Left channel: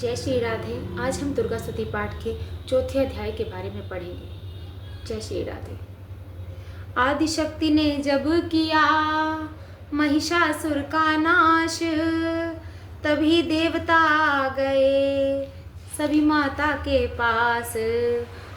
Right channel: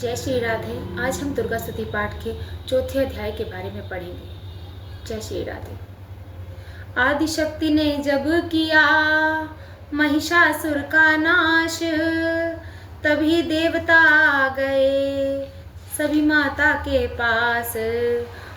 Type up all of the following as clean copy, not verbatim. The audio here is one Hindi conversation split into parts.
जय श्री राधे। आज हम दुर्गा स्तुति पाठ के चौथे अध्याय के बारे में पढ़ेंगे। जय श्री राधे। आदिशक्ति ने जब किया महिषासुर का नाश, तभी देवता आ गए सभी माता के पास।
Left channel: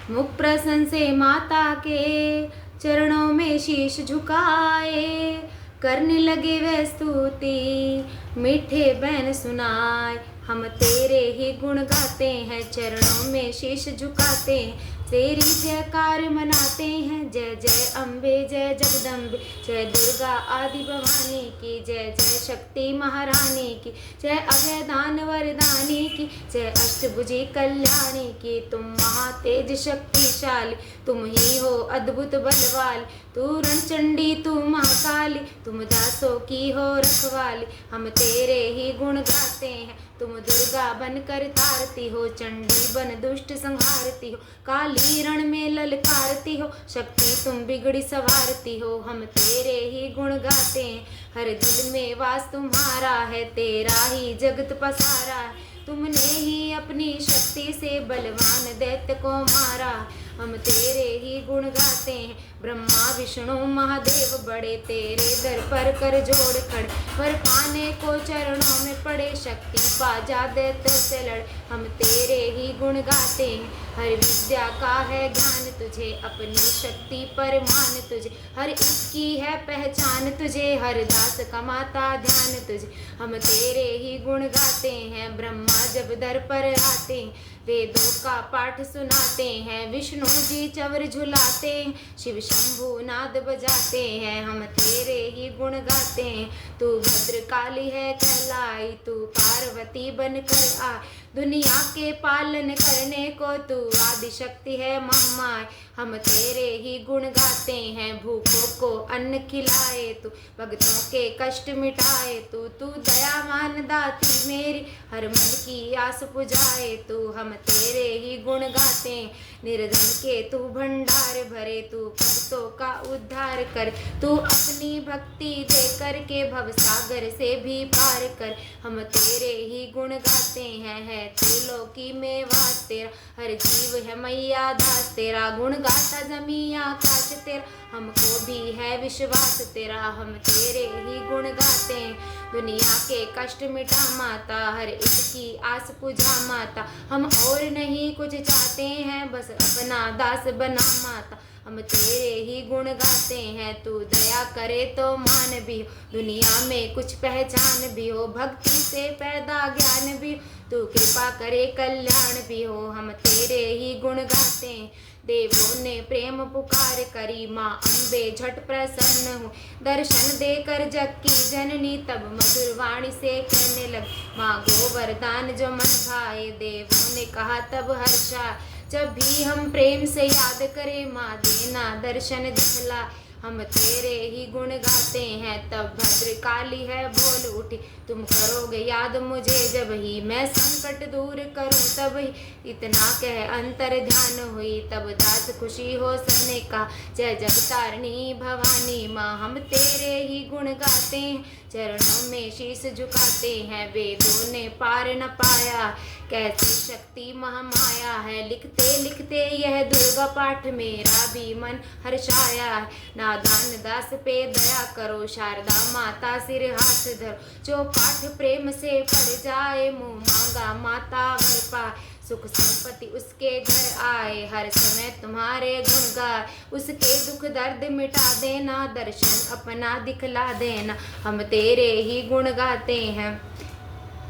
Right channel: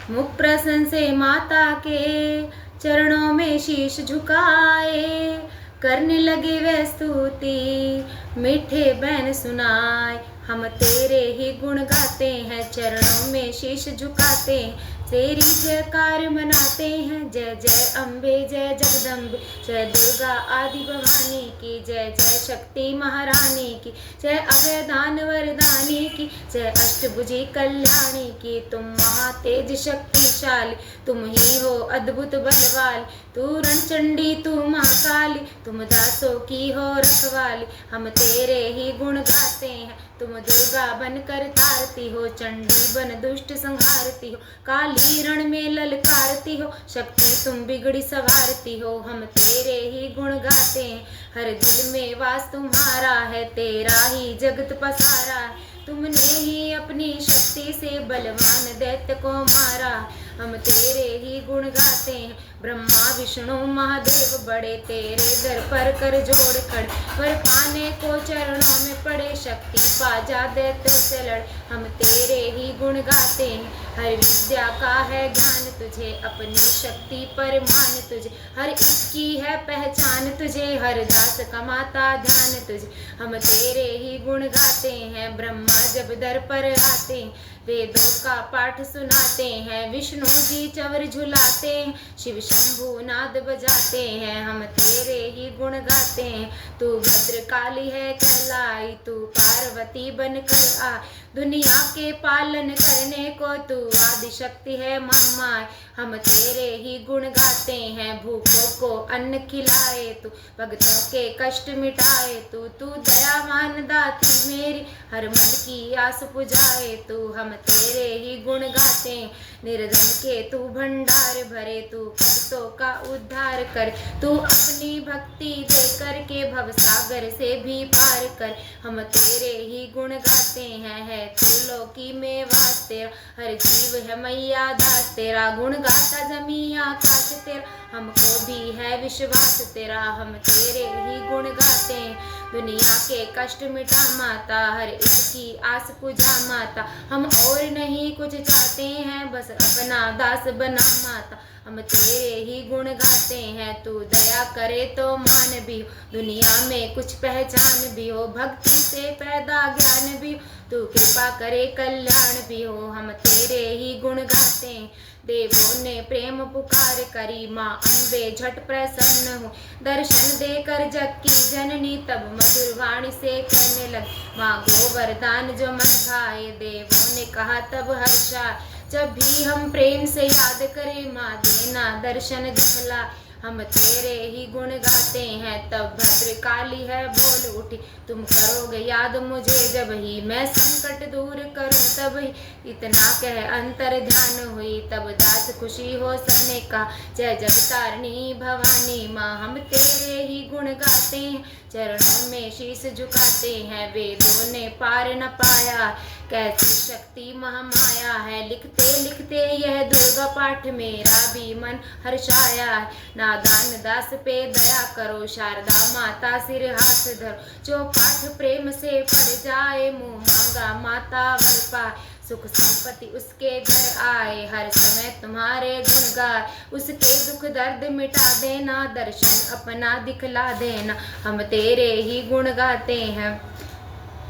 मुख प्रसन्न से माता के चरणों में शीश झुकाए, करने लगे वह स्तुति मीठे बैन सुनाए। हम तेरे ही गुण गाते हैं, चरणों में शीश झुकाते हैं, तेरी जयकार मनाते हैं। जय जय अम्बे जय जगदम्बे, जय दुर्गा आदि भवानी की, जय जय शक्ति महारानी की, जय अभय दान वरदानी की, जय अष्टभुजी कल्याणी की। तुम महातेज शक्तिशाली, तुम ही हो अद्भुत बलवाली, तू रणचंडी तू महाकाली, तुम दासों की हो रखवाली। हम तेरे ही गुण गाते हैं, तुम दुर्गा बनकर तारती हो, चंडी बन दुष्ट संहारती हो, काली रण में ललकारती हो, शक्ति तुम बिगड़ी सवारती हो। हम तेरे ही गुण गाते हैं, हर दिल में वास तुम्हारा है, तेरा ही जगत पसारा है, तुमने ही अपनी शक्ति से बलवान दैत्य को मारा। हम तेरे ही गुण गाते हैं, ब्रह्मा विष्णु महादेव बड़े तेरे दर पर कर जोड़ खड़े, वर पाने को चरणों में पड़े, शक्ति पा जा दैत्यों से लड़। हम तेरे ही गुण गाते हैं, हर विद्या का है ज्ञान तुझे, अपनी शक्ति पर मान तुझे, हर एक की है पहचान तुझे, हर दास का माता ध्यान तुझे। हम तेरे ही गुण गाते हैं, ब्रह्मा जब दर पर आते हैं, वेदों का पाठ सुनाते हैं, विष्णु जी चवर झुलाते हैं, शिव शंभु नाद बजाते हैं। हम तेरे ही गुण गाते हैं, तू भद्रकाली है कहलाई, तू पार्वती बनकर आ, दुनिया के पालन करने को तू आदिशक्ति है महामाय। हम तेरे ही गुण गाते हैं, भूखों को अन्न खिलाए तू, भक्तों के कष्ट मिटाए तू दयावान दाती मेरी, हर मन की आस पुजाए तू। हम तेरे ही गुण गाते हैं, निर्धन के तू भंडार भरे, तू भक्तों का उद्धार कर, तू अपनी भक्ति दे करके भव सागर से भी पार कर। हम तेरे ही गुण गाते हैं, है त्रिलोकी में वास तेरा, हर जीव है मैया दास तेरा, गुण गाता जमी आकाश तेरा, हमको भी है विश्वास तेरा। हम तेरे ही गुण गाते हैं, दुनिया के कष्ट मिटा माता, हर एक की आस पुजा माता, हम और नहीं कुछ चाहते हैं, बस अपना दास बना माता। हम तेरे ही गुण गाते हैं, तू दया करे तो मान भी हो, दुनिया में कुछ पहचान भी हो, भक्ति से पैदा ज्ञान भी हो, तू कृपा करे कल्याण भी हो। हम तेरे ही गुण गाते हैं, देवों ने प्रेम पुकार करी, माँ अम्बे झट प्रसन्न हो, दर्शन देकर जग की जननी तब मधुर वाणी से कहने लगी, माँ गोवर्धन जो मन भाए, देवों ने कहा तब हर्षा, जब भी हम प्रेम से याद करें माँ देना दर्शन दिखला। हम तेरे ही गुण गाते हैं, तब भद्रकाली है बोल उठी, तुम करोगे याद मुझे जब ही मैं संकट दूर करूं, तब ही इतना कह अंतर ध्यान हुई, तब दास खुशी हो सबने का, जय जगतारिणी भवानी माँ। हम तेरे ही गुण गाते हैं, चरणों में शीश झुकाते हैं, वेदों ने पार न पाया कैसी शक्ति महामाया है, लिखते लिखते यह दुर्गा पाठ मेरा भी मन हर्षाया है। नादान दास पे दया करो, शारदा माता सिर हाथ धरो, जो पाठ प्रेम से पढ़ जाए, मुँह मांगा माता वर पाए, सुख संपत्ति उसके घर आए, हर समय तुम्हारे गुण गाए, उसके दुख दर्द मिटा देना, दर्शन अपना दिखला देना। हम तेरे ही गुण गाते हैं,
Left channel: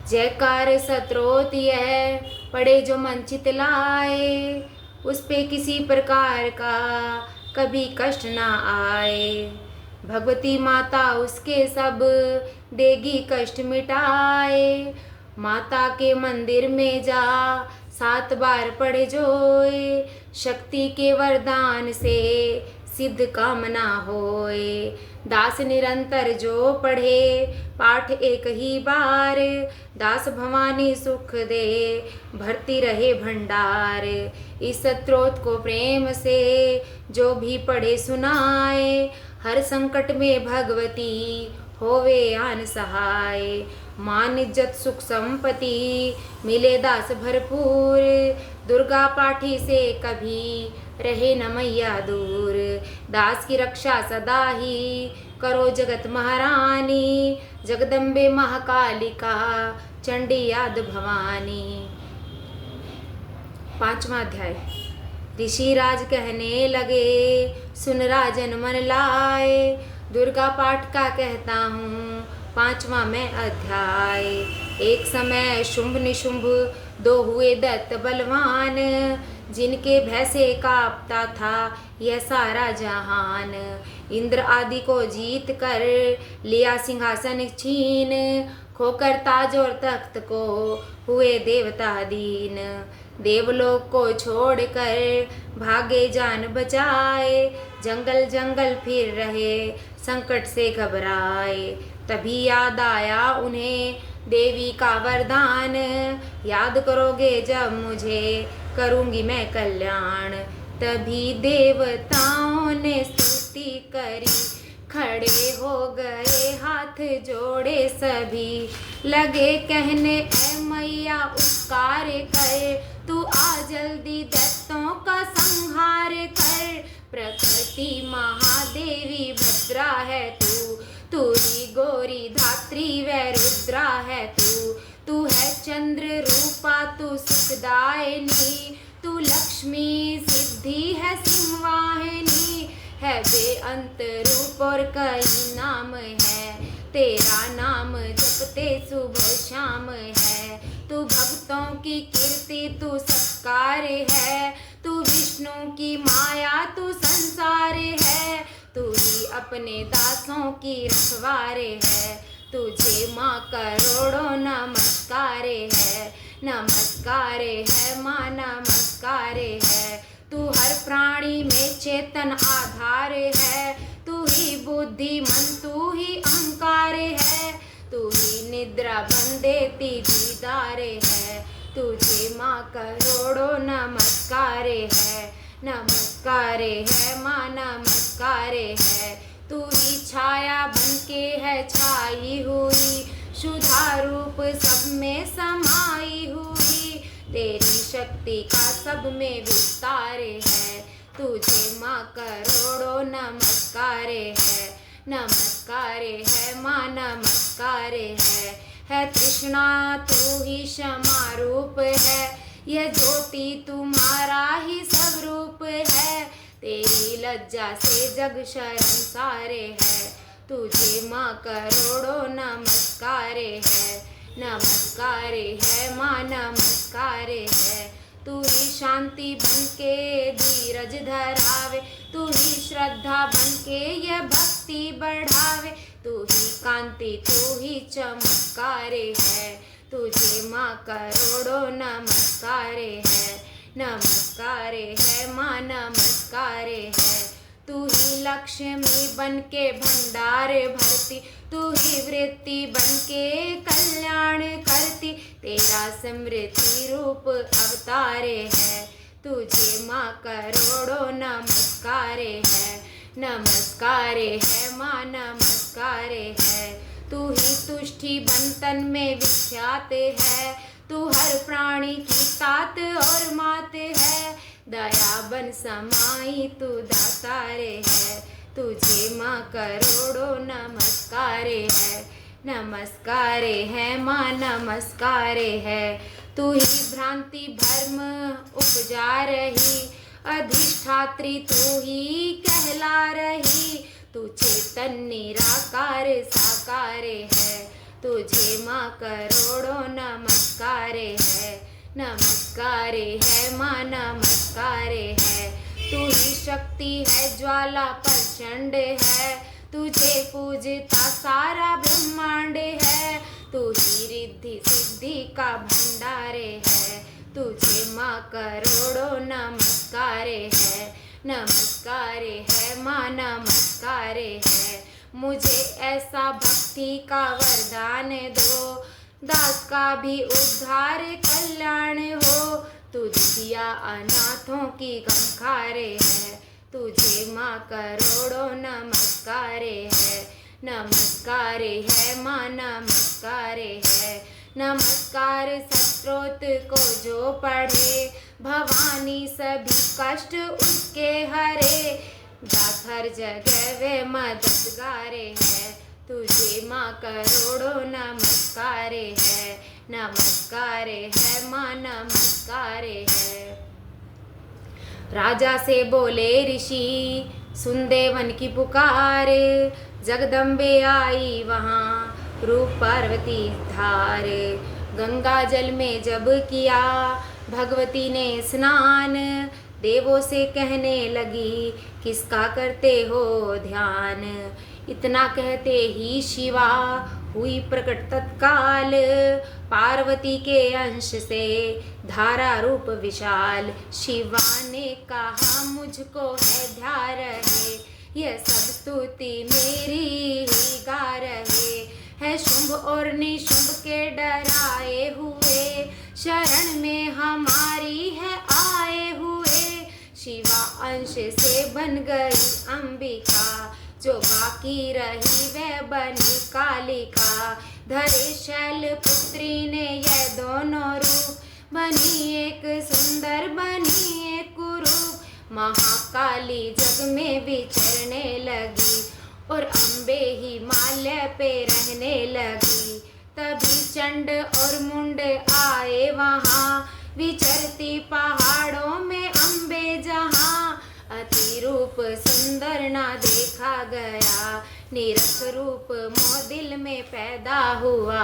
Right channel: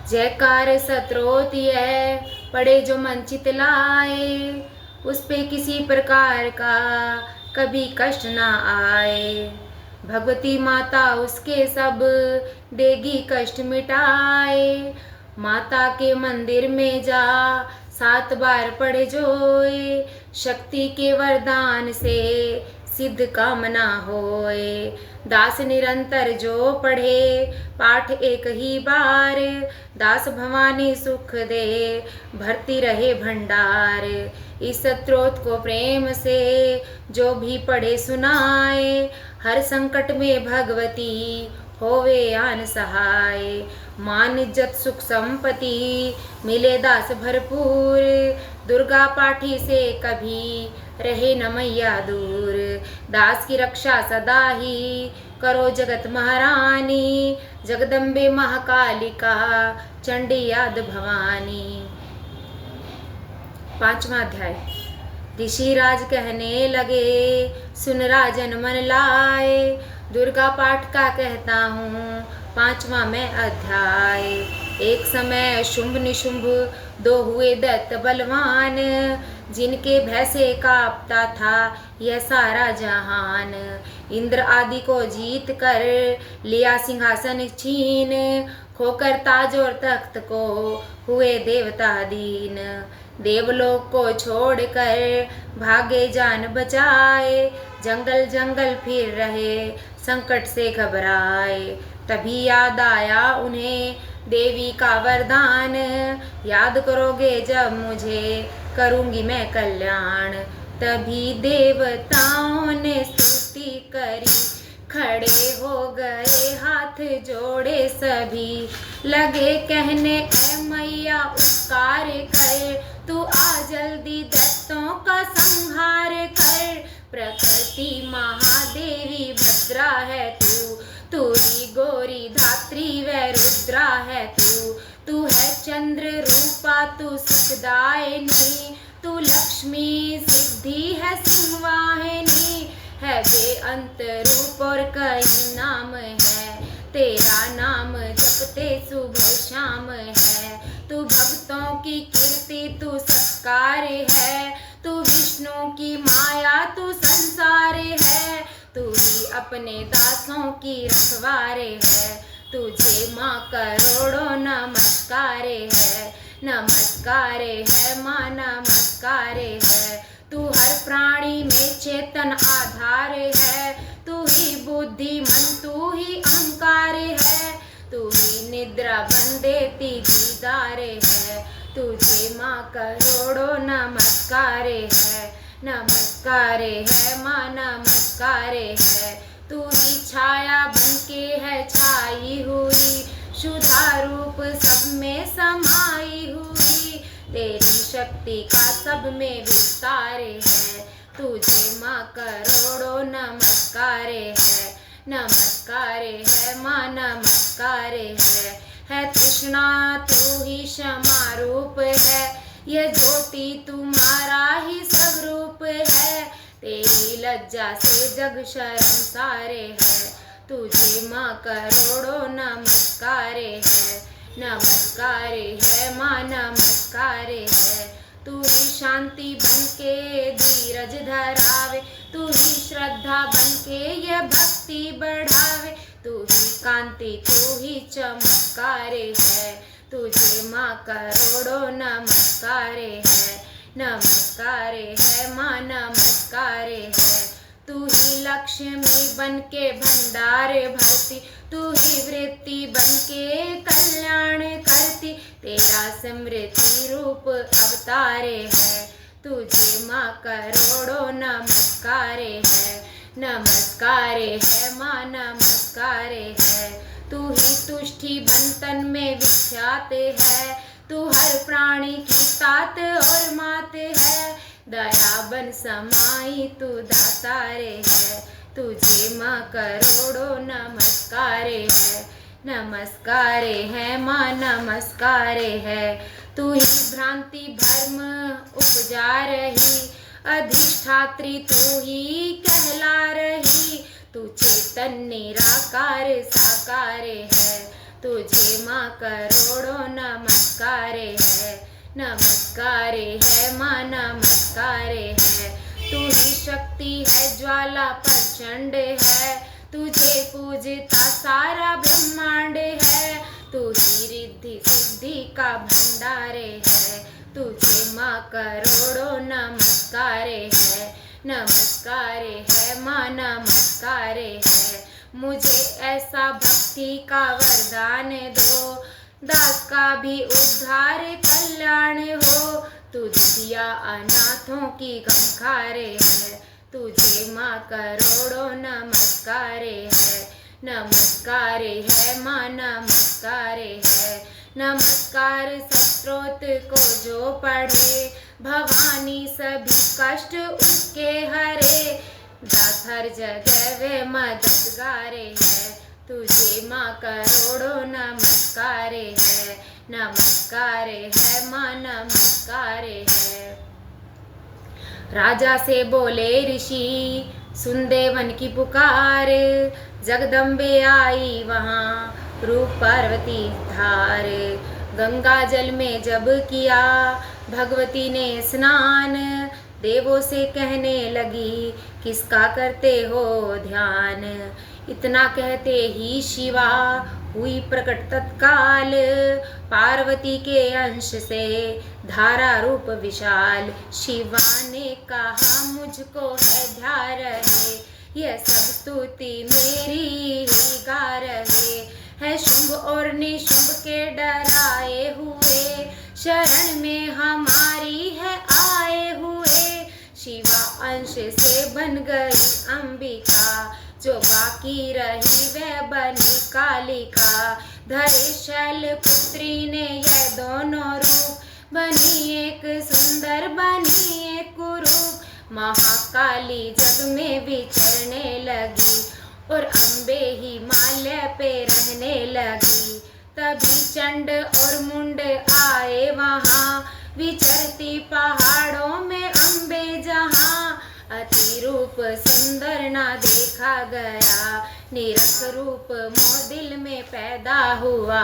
जयकार सत्रोत है पड़े जो मन चितलाए, उस पे किसी प्रकार का कभी कष्ट ना आए, भगवती माता उसके सब देगी कष्ट मिटाए। माता के मंदिर में जा 7 बार पढ़े जोए, शक्ति के वरदान से सिद्ध कामना होए, दास निरंतर जो पढ़े पाठ एक ही बार, दास भवानी सुख दे भरती रहे भंडार। इस स्तोत्र को प्रेम से जो भी पढ़े सुनाए, हर संकट में भगवती होवे आन सहाय। मान इज्जत सुख संपत्ति मिले दास भरपूर। दुर्गा पाठी से कभी रहे न मैया दूर। दास की रक्षा सदा ही करो जगत महारानी। जगदम्बे महाकालिका चंडी याद भवानी। 5वां अध्याय। ऋषिराज कहने लगे सुन राजन मन लाए। दुर्गा पाठ का कहता हूँ 5वां मैं अध्याय। एक समय शुंभ निशुंभ दो हुए दैत्य बलवान। जिनके भय से कांपता था यह सारा जहान। इंद्र आदि को जीत कर लिया सिंहासन छीन। खोकर ताज और तख्त को हुए देवता दीन। देवलोक को छोड़कर भागे जान बचाए। जंगल जंगल फिर रहे संकट से घबराए। तभी याद आया उन्हें देवी का वरदान। याद करोगे जब मुझे करूँगी मैं कल्याण। तभी देवताओं ने स्तुति करी खड़े हो गए हाथ जोड़े सभी। लगे कहने ऐ मैया उपकार कर। तू आ जल्दी दैत्यों का संहार कर। प्रकृति महादेवी भद्रा है तू। तू ही गौरी धात्री व रुद्रा है तू। तू है चंद्र रूपा तू सुखदायिनी। तू लक्ष्मी सिद्धि है सिंहवाहिनी। है बेअंत रूप और कई नाम है। तेरा नाम जपते सुबह शाम है। तू भक्तों की कीर्ति तू सत्कार है। तू विष्णु की माया तू संसार है। तू ही अपने दासों की रखवारे है। तुझे माँ करोड़ों नमस्कार है। नमस्कार है माँ नमस्कार है। तू हर प्राणी में चेतन आधार है। तू ही बुद्धिमन तू ही अहंकार है। तू ही निद्रा बन देती दीदार है। तुझे माँ करोड़ों नमस्कार है। नमस्कार है माँ नमस्कार है। तू ही छाया बनके है छाई हुई। शुद्धा रूप सब में समाई हुई। तेरी शक्ति का सब में विस्तार है। तुझे माँ करोड़ों नमस्कार है। नमस्कार है माँ नमस्कार है तृष्णा तू ही क्षमा रूप है। यह ज्योति तुम्हारा ही सब रूप है। तेरी लज्जा से जग शर्मसार है। तुझे माँ करोड़ों नमस्कार है। नमस्कार है माँ नमस्कार है। तू ही शांति बनके धीरज धरावे। तू ही श्रद्धा बनके यह भक्ति बढ़ावे। तू ही कांति तू ही चमत्कार है। तुझे माँ करोड़ों नमस्कार है। नमस्कार है माँ नमस्कार है। तू ही लक्ष्मी बनके भंडार भरती। तू ही वृत्ति बनके कल्याण करती। तेरा समृद्धि रूप अवतार है। तुझे माँ करोड़ों नमस्कार है। नमस्कार है माँ नमस्कार है। तू ही तुष्टि बंतन में विख्यात है। तू हर प्राणी की तात और मात है। दया बन समाई तू दातार है। तुझे माँ करोड़ों नमस्कार है। नमस्कार है माँ नमस्कार है। तू ही भ्रांति भ्रम उपजा रही। अधिष्ठात्री तू ही कहला रही। तू चेतन निराकार साकार है। तुझे माँ करोड़ों नमस्कार है। नमस्कार है माँ नमस्कार है। तू ही शक्ति है ज्वाला प्रचंड है। तुझे पूजता सारा ब्रह्मांड है। तू ही रिद्धि सिद्धि का भंडार है। तुझे माँ करोड़ों नमस्कार है। नमस्कार है माँ नमस्कार है। मुझे ऐसा भक्ति का वरदान दो। दास का भी उद्धार कल्याण हो। तू दिया अनाथों की गमखार है। तुझे माँ करोड़ों नमस्कार है। नमस्कार है माँ नमस्कार है। नमस्कार सत्रोत को जो पढ़े, भवानी सभी कष्ट उसके हरे। दास हर जगह वे मददगारे है, तुझे माँ करोड़ों नमस्कार है। नमस्कार है माँ नमस्कार है। राजा से बोले ऋषि सुन देवन की पुकार, जगदम्बे आई वहाँ रूप पार्वती धार। गंगा जल में जब किया भगवती ने स्नान, देवों से कहने लगी किसका करते हो ध्यान। इतना कहते ही शिवा हुई प्रकट तत्काल, पार्वती के अंश से धारा रूप विशाल। शिवा ने कहा मुझको है ध्यान रहे, यह सब स्तुति मेरी ही गा रहे। है शुंभ और निशुंभ के डराए हुए, शरण में हमारी है आए हुए। शिवा अंश से बन गई अंबिका, जो बाकी रही वह बनी कालिका। धरे शैल पुत्री ने यह दोनों रूप, बनी एक सुंदर बनी एक कुरूप। महाकाली जग में विचरने लगी, और अम्बे हिमालय पे रहने लगी। तभी चंड और मुंड आए वहाँ, विचरती पहाड़ों में अम्बे जहाँ। अति रूप सुंदर ना देखा गया, निरख रूप मोह दिल में पैदा हुआ।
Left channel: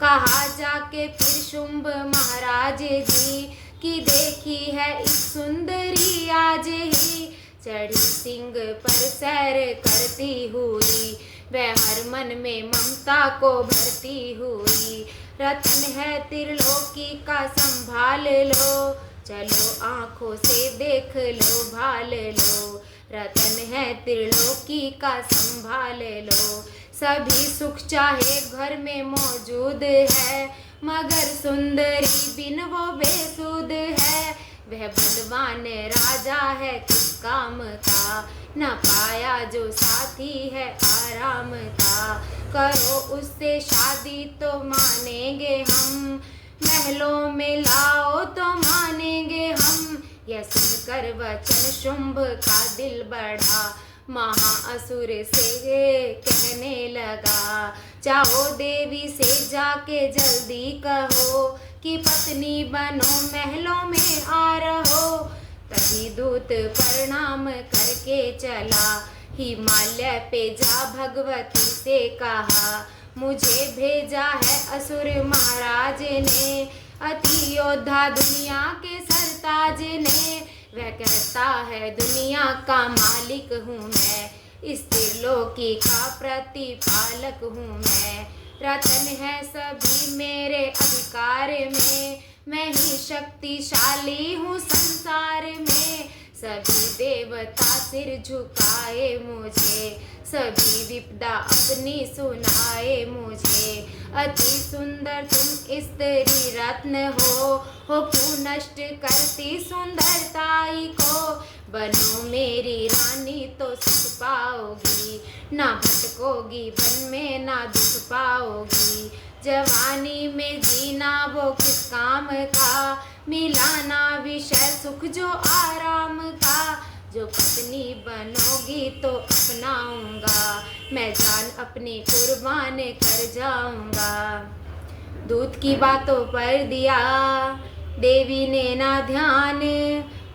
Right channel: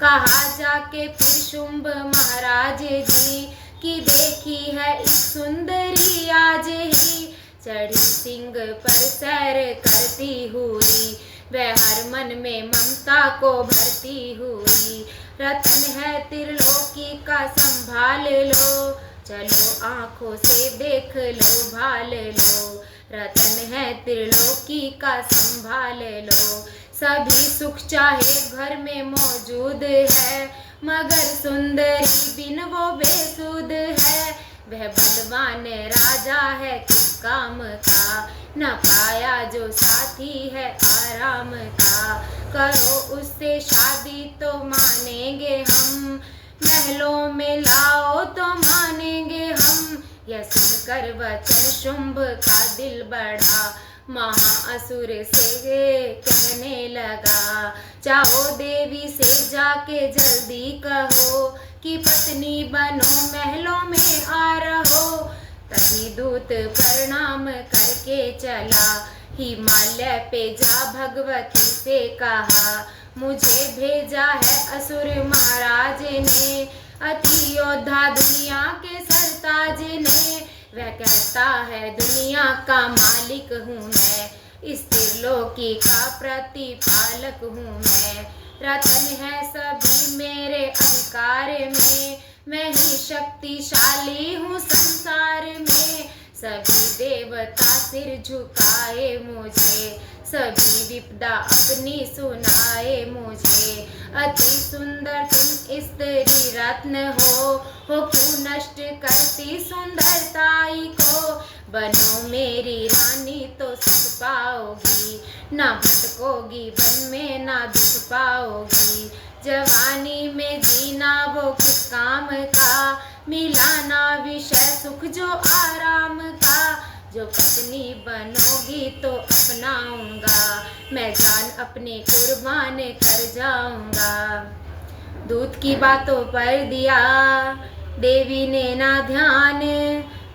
कहा जाके फिर शुंभ महाराज जी, की देखी है एक सुंदरी आज ही। चढ़ी सिंह पर सैर करती हुई, वह हर मन में ममता को भरती हुई। रतन है त्रिलोकी का संभाल लो, चलो आँखों से देख लो भाल लो। रतन है त्रिलोकी का संभाल लो, सभी सुख चाहे घर में मौजूद है, मगर सुंदरी बिन वो बेसुध है। वह बलवान राजा है किस काम का, न पाया जो साथी है आराम का। करो उससे शादी तो मानेंगे हम, महलों में लाओ तो मानेंगे हम। यह सुनकर वचन शुंभ का दिल बढ़ा, महाअसुर से कहने लगा जाओ देवी से जाके जल्दी कहो, कि पत्नी बनो महलों में आ रहो। तभी दूत प्रणाम करके चला, हिमालय पे जा भगवती से कहा मुझे भेजा है असुर महाराज ने, अति योद्धा दुनिया के सरताज ने। वह कहता है दुनिया का मालिक हूँ मैं, इस त्रिलोकी का प्रतिपालक हूँ मैं। रतन है सभी मेरे अधिकार में, मैं ही शक्तिशाली हूँ संसार में। सभी देवता सिर झुकाए मुझे, सभी विपदा अपनी सुनाए मुझे। अति सुंदर तुम स्त्री रत्न हो क्यों नष्ट करती सुंदरताई को। बनो मेरी रानी तो सुख पाओगी, ना भटकोगी वन में ना दुख पाओगी। जवानी में जीना वो किस काम का, मिलाना विषय सुख जो आराम का। जो पत्नी बनोगी तो अपनाऊंगा, मैं जान अपनी कुर्बान कर जाऊंगा। दूत की बातों पर दिया देवी ने ना ध्यान,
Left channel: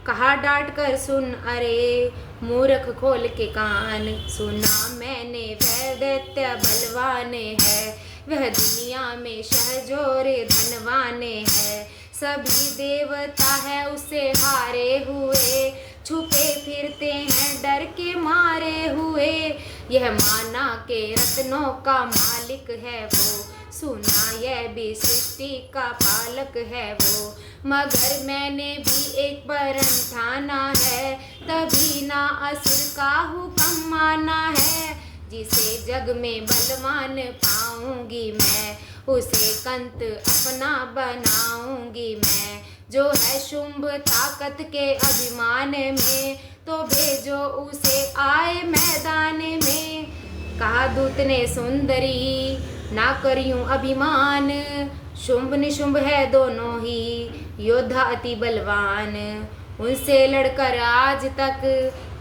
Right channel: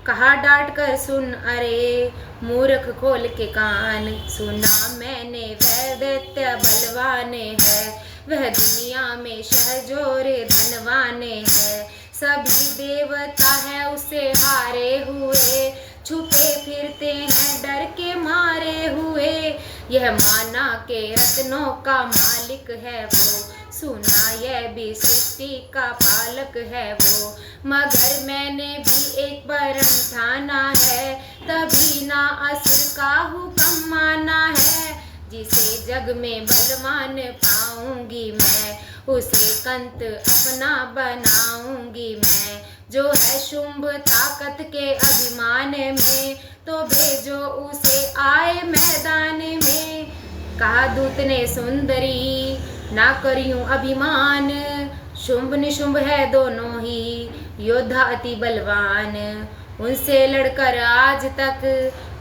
कहा डांट कर सुन अरे मूर्ख खोल के कान। सुना मैंने वह दैत्य बलवान है, वह दुनिया में शहजोर धनवान है। सभी देवता है उसे हारे हुए, छुपे फिरते हैं डर के मारे हुए। यह माना के रत्नों का मालिक है वो, सुना यह भी सृष्टि का पालक है वो। मगर मैंने भी एक वरन ठाना है, तभी ना असुर का हुक्म माना है। जिसे जग में बलवान पाऊंगी मैं, उसे कंत अपना बनाऊंगी मैं। जो है शुंभ ताकत के अभिमान में, तो भेजो उसे आए मैदान में। कहा दूत ने सुंदरी ना करियूं अभिमान, शुंभ निशुंभ है दोनों ही योद्धा अति बलवान, उनसे लड़कर आज तक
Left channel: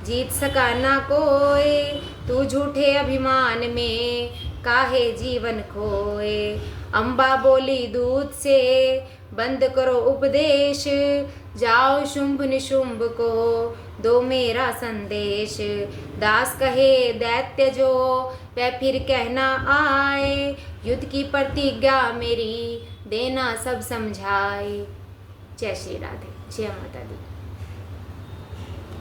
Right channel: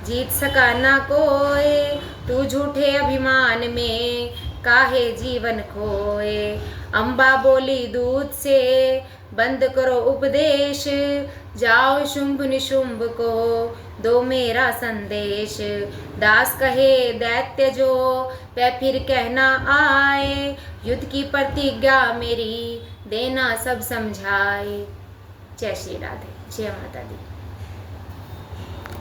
जीत सका ना कोई, तू झूठे अभिमान में काहे जीवन खोए। अम्बा बोली दूत से बंद करो उपदेश, जाओ शुंभ निशुंभ को दो मेरा संदेश, दास कहे दैत्य जो वह फिर कहना आए, युद्ध की प्रतिज्ञा मेरी देना सब समझाए। जय श्री राधे, जय माता दी।